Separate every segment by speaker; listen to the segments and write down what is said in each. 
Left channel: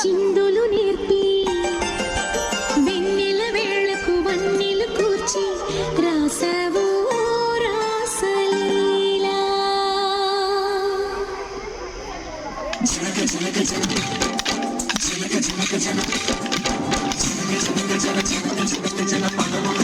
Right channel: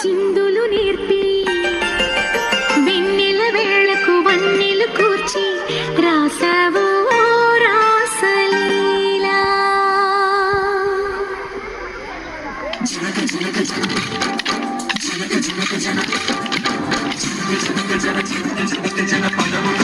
Speaker 1: చిందులు నేర్పి వెన్నెల వేళకు వన్నెలు కూర్చి రాసావు రాసలీలా జనక జనక జనక జనక జనక జనక జనక జనక
Speaker 2: జనక జనక జనక జనక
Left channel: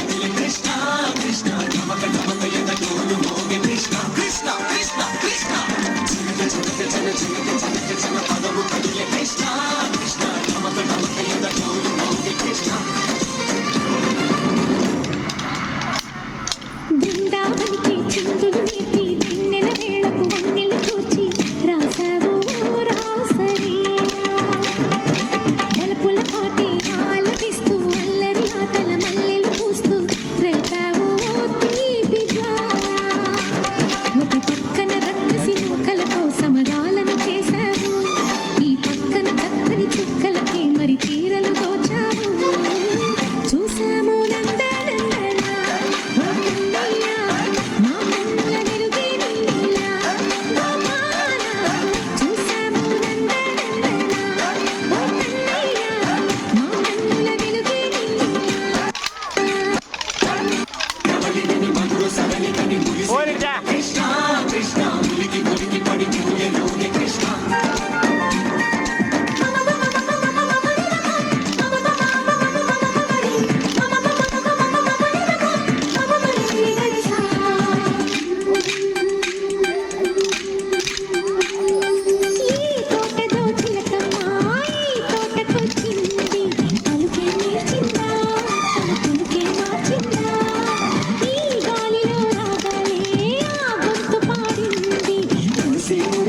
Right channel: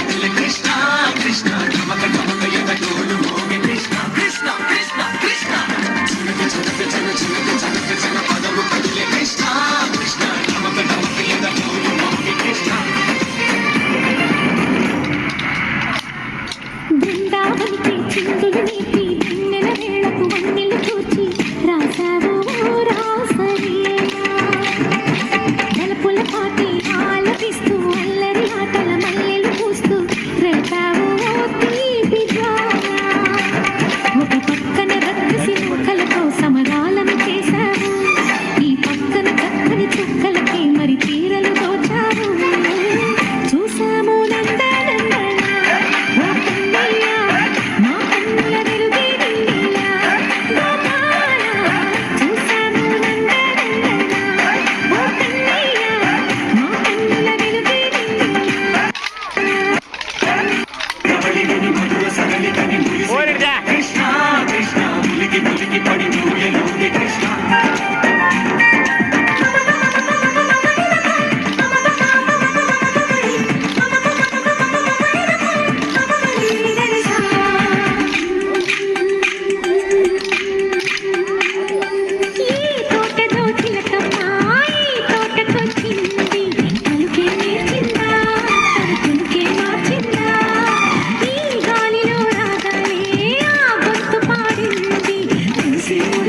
Speaker 2: ಓಡಿಡ್ತಾ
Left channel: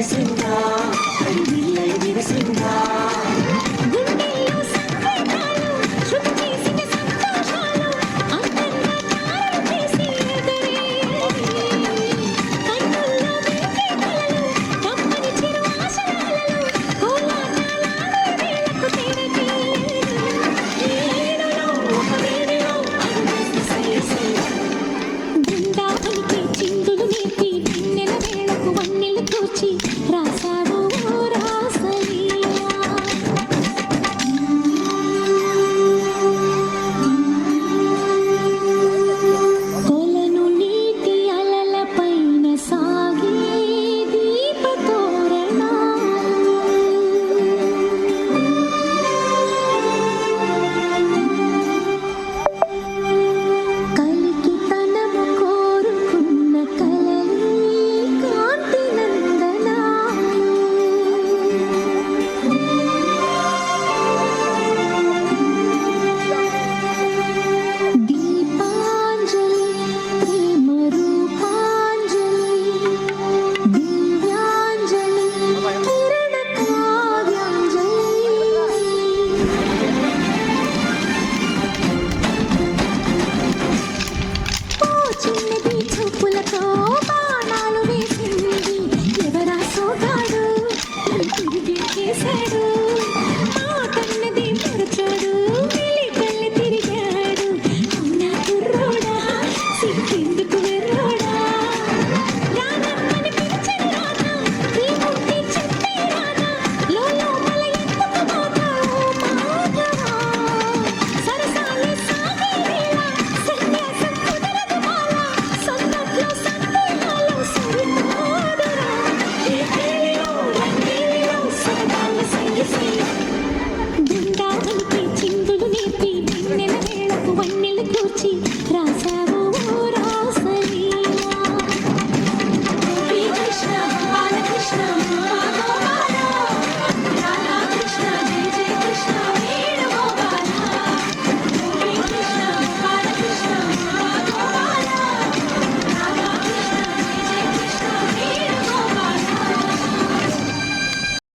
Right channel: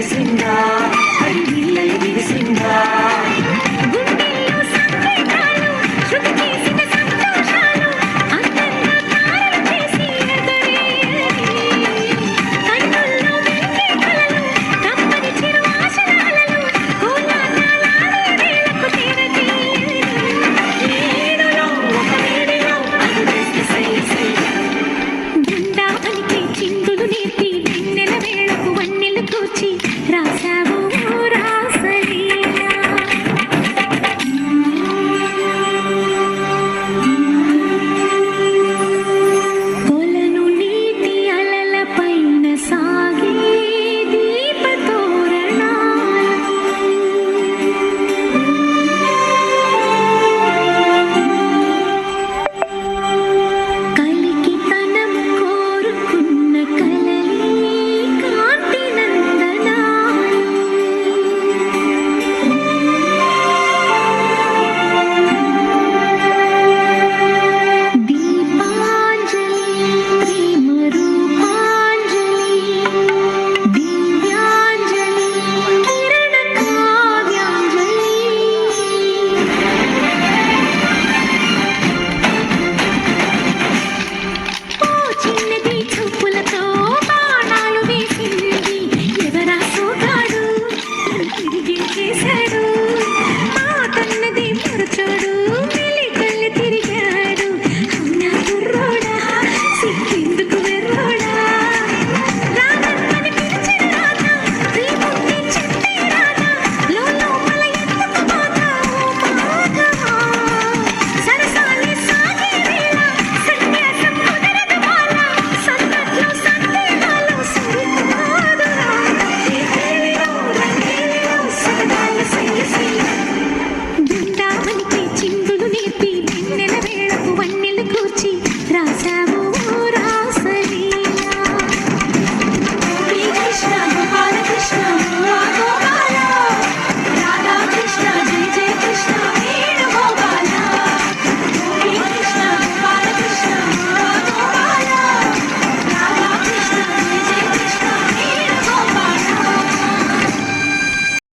Speaker 1: దివసింగా హరివిల్లై దివసింగా చిందులు నేర్పి వెన్నెల వేళకు వన్నెలు కూర్చి Gracias.